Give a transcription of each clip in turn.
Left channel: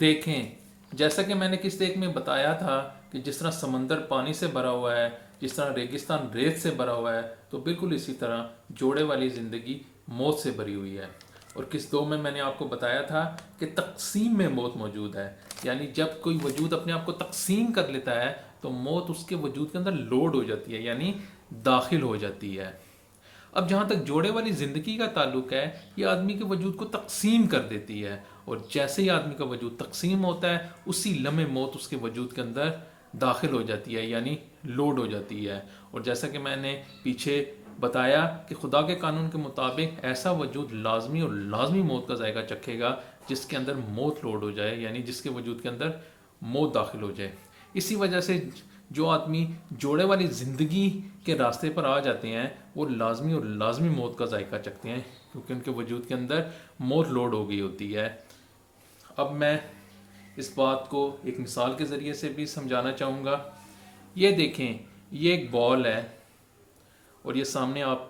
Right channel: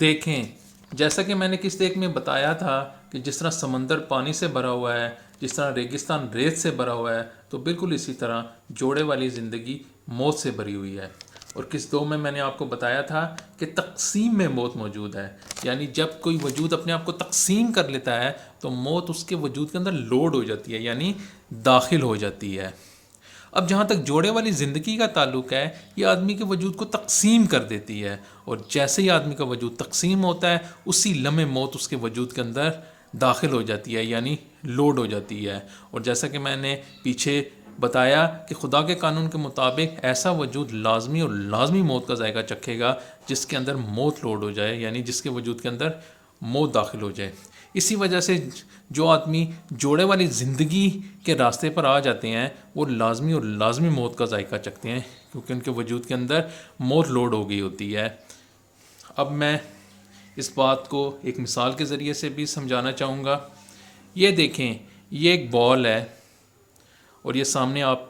دیکھیں، جیسا کہ میں نے کس ایک میں بتایا تھا کہ جس طرح سمندر پانی سے بھرا ہوا ہے، جس طرح ریگستان ریت سے بھرا ہوا ہے، تو بالکل اسی طرح جوڑے والی زندگی موت سے بھری ہوئی ہے۔ اور کس دو میں نے آپ کو بتایا تھا کہ تقسیم میں موت موجود ہے، یعنی جب کوئی وجود اپنے آپ کو تقسیم کر لیتا ہے تو موت اس کے وجود کے اندر لوڈ ہو جاتی ہے، یعنی داخل ہو جاتی ہے۔ اب جہاں تک جوڑے والی زندگی کا تعلق ہے، یہ آدمی کے وجود کو تقسیم کر دیتی ہے، اور جیسے ہی آدمی کا وجود تقسیم ہوتا ہے اسی لمحے موت اس کے وجود کے اندر داخل ہو جاتی ہے، یعنی لوڈ ہو جاتی ہے۔ اور جیسا کہ میں نے پیچھے بتایا کہ خدا کے قانون کے مطابق ایسا وجود لازمی اور لازمی موت کا ذائقہ چکھے گا جس کے اندر موت لوڈ ہو جائے، یعنی جس کے وجود کے اندر موت داخل ہو جائے۔ اسی وجہ سے جو آدمی جوڑے والی زندگی کے راستے پر آ جاتے ہیں وہ لازمی اور لازمی موت کا ذائقہ چکھتے ہیں، کیونکہ ان کے وجود کے اندر موت لوڈ ہو گئی ہوتی ہے۔ اب میں اس بات کو ایک مثال کے ذریعے سے بھی سمجھانا چاہوں گا۔ یہ دیکھیں، یہ ایک بال ہے اور یہ سامنے آپ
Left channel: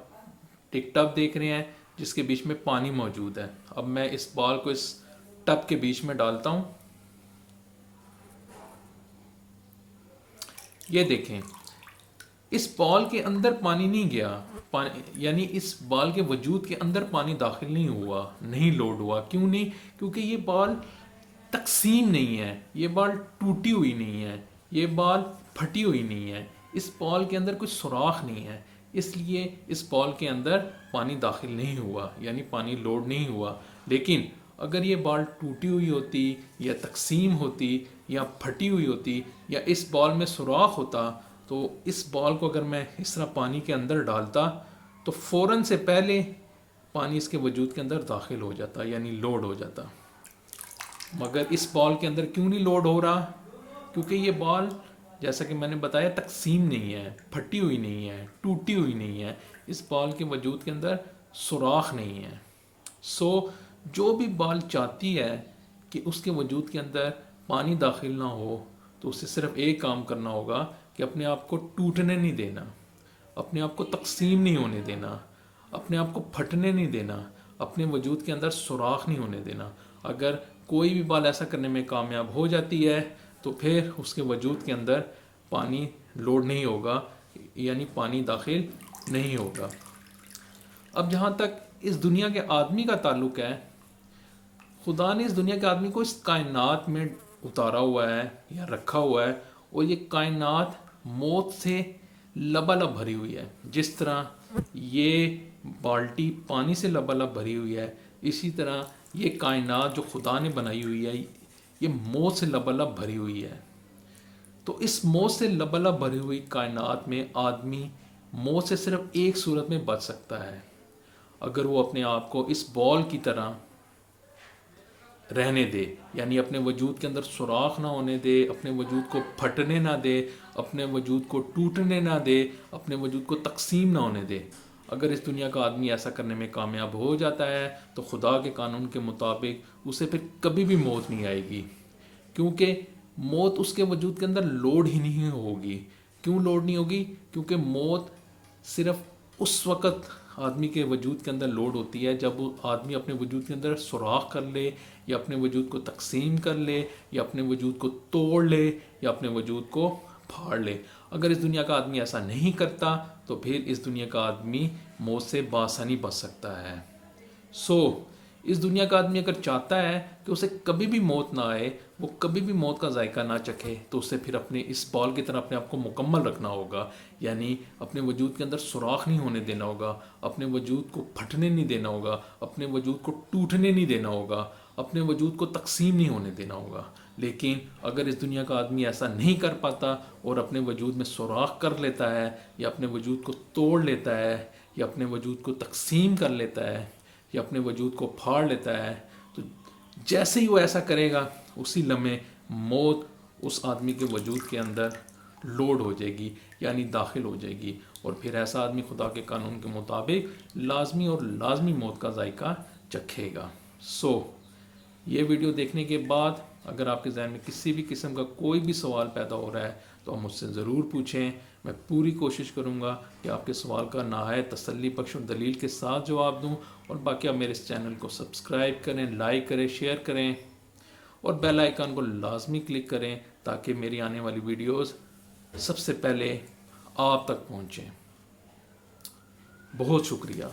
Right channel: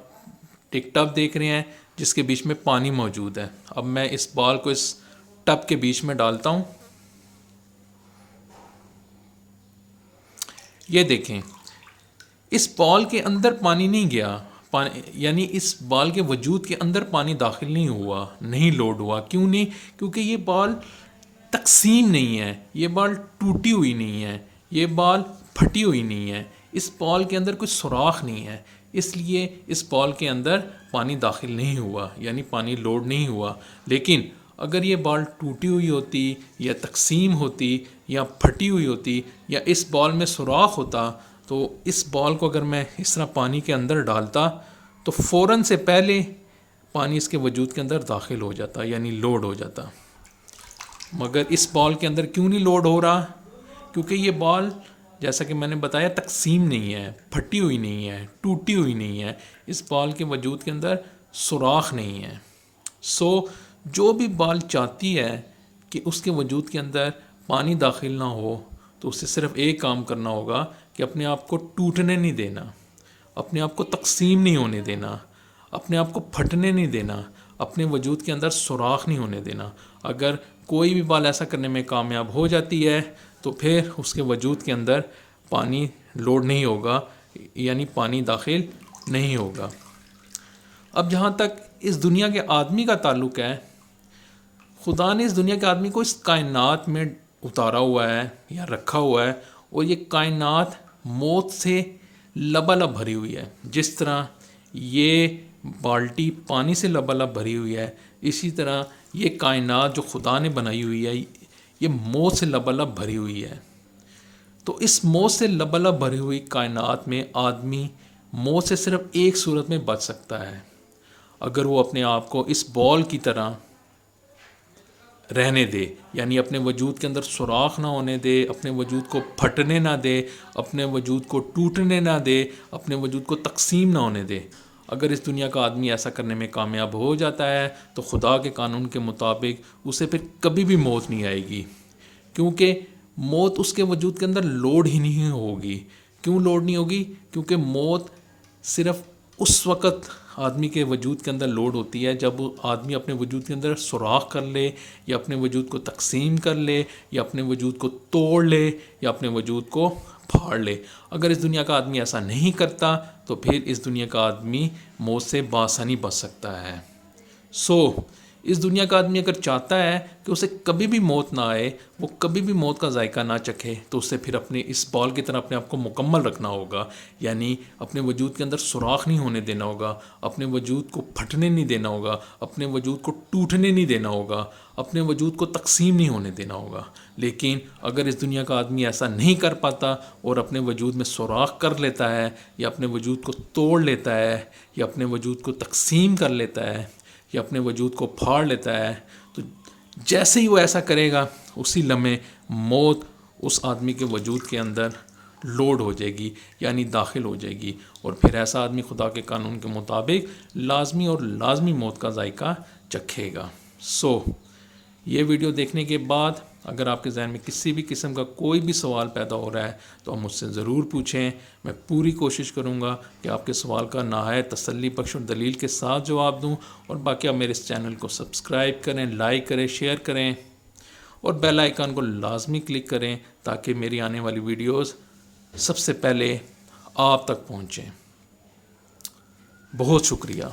ایک ٹب دیکھ رہے ہیں جس کے بیچ میں پانی موجود ہے۔ اب میں اس بال کو اس ٹب کے بیچ میں ڈالتا ہوں۔ یہ دیکھیں، اس بال کے اندر پانی نہیں گیا، یعنی اس بال کے وجود کے اندر پانی داخل نہیں ہوا، نہیں لوڈ ہوا۔ کیوں نہیں؟ کیونکہ یہ بال تقسیم نہیں ہے، یہ بال ٹوٹی ہوئی نہیں ہے، یہ بال پھٹی ہوئی نہیں ہے، اس بال کے اندر کوئی سوراخ نہیں ہے، اس لیے اس بال کے اندر پانی داخل نہیں ہوا، یعنی پانی لوڈ نہیں ہوا۔ لیکن اگر یہ بال ٹوٹی ہوئی ہوتی یا تقسیم ہوتی یا پھٹی ہوئی ہوتی یا اس بال میں سوراخ ہوتا تو اس بال کو اگر میں اس طرح پانی کے اندر ڈالتا تو فوراً سے پہلے پانی اس کے وجود کے اندر داخل ہو جاتا، یعنی لوڈ ہو جاتا۔ مگر اس بال کے اندر کیوں نہیں لوڈ ہو رہا؟ کیونکہ یہ بال، جیسا کہ میں نے بتایا، تقسیم نہیں ہے، پھٹی ہوئی نہیں ہے، ٹوٹی ہوئی نہیں ہے، اس بال کے وجود کے اندر سوراخ نہیں ہے۔ جو بھی بال چاہتی ہے کہ اس کے وجود کے اندر پانی داخل نہ ہو تو اسے صرف ایک کام کرنا ہوگا کہ اپنے آپ کو ٹوٹنے نہیں دینا، اپنے آپ کو تقسیم نہیں ہونے دینا، اپنے آپ کو پھٹنے نہیں دینا، اپنے وجود کے اندر سوراخ نہیں ہونے دینا۔ اگر کوئی بھی بال ایسا کرنے میں کامیاب ہو جاتی ہے تو پھر اس کے وجود کے اندر پانی لوڈ نہیں ہوگا، یعنی پانی داخل نہیں ہوگا۔ اب جہاں تک اس دنیا کے آدمی کا تعلق ہے، خدا نے اس دنیا کے آدمی کو اس کائنات میں اتارا ہوا ہے یا رکھا ہوا ہے، اور یہ کائنات موت سے لبالب بھری ہوئی ہے۔ جس طرح یہ بالٹی پانی سے لبالب بھری ہوئی ہے، اسی طرح یہ کائنات جو خدا نے بنائی ہوئی ہے یہ موت سے لبالب بھری ہوئی ہے۔ تو اس موت سے لبالب بھری ہوئی کائنات میں آدمی موت سے صرف ایک صورت میں بچ سکتا ہے، اگر وہ اپنے آپ کو اس بال کی طرح رہنے دے، یعنی اپنے وجود کے اندر سوراخ نہ ہونے دے، اپنے وجود کو پھٹنے نہ دے، اپنے وجود کو ٹوٹنے نہ دے، اپنے وجود کو تقسیم نہ ہونے دے۔ اگر اس دنیا کا آدمی ایسا کرنے میں کامیاب ہو جاتا ہے تو خدا کے قانون کے مطابق اسے پھر کبھی بھی موت نہیں آئے گی، کیونکہ موت اس کے وجود کے اندر لوڈ ہی نہیں ہوگی۔ کیوں لوڈ نہیں ہوگی؟ کیونکہ موت صرف اس وقت آدمی کے وجود کے اندر لوڈ ہوتی ہے جب وہ آدمی اپنے وجود کے اندر سوراخ کر لے، یا اپنے وجود کو تقسیم کر لے، یا اپنے وجود کو توڑ لے، یا اپنے وجود کو پھاڑ لے۔ اگر اس دنیا کا آدمی ایسا نہیں کرتا تو پھر اس دنیا کا آدمی موت سے بآسانی بچ سکتا ہے۔ اس دنیا کا آدمی اگر چاہتا ہے کہ اسے کبھی بھی موت نہ آئے، وہ کبھی بھی موت کا ذائقہ نہ چکھے، تو اسے پھر اپنے اس بال کی طرح اپنے آپ کو مکمل رکھنا ہوگا، یعنی اپنے وجود کے اندر سوراخ نہیں ہونے دینا ہوگا، اپنے وجود کو پھٹنے نہیں دینا ہوگا، اپنے وجود کو ٹوٹنے نہیں دینا ہوگا، اپنے وجود کو تقسیم نہیں ہونے دینا ہوگا۔ لیکن اگر اس دنیا کا آدمی ایسا نہیں کر پاتا اور اپنے وجود میں سوراخ کر لیتا ہے، یا اپنے وجود کو توڑ لیتا ہے، یا اپنے وجود کو تقسیم کر لیتا ہے، یا اپنے وجود کو پھاڑ لیتا ہے، تو جیسے ہی وہ ایسا کرے گا اسی لمحے موت اس آدمی کے وجود کے اندر لوڈ ہو جائے گی، یعنی داخل ہو جائے گی، اور پھر ایسا آدمی خدا کے قانون کے مطابق لازمی اور لازمی موت کا ذائقہ چکھے گا۔ یہ ویڈیو دیکھنے کے بعد اگر آپ کے ذہن میں کسی بھی قسم کا کوئی بھی سوال پیدا ہو رہا ہے تو آپ مجھ سے ضرور پوچھیں، میں پوری کوشش کروں گا کہ آپ کے سوال کا نہایت تسلی بخش اور دلیل کے ساتھ جواب دوں۔ اور باقی آپ میرے اس چینل کو سبسکرائب کریں، لائک کریں، شیئر کریں، اور بیل آئیکن کو لازمی کلک کریں تاکہ میری آنے والی ویڈیوز سب سے پہلے آپ تک پہنچیں. بہت شکریہ.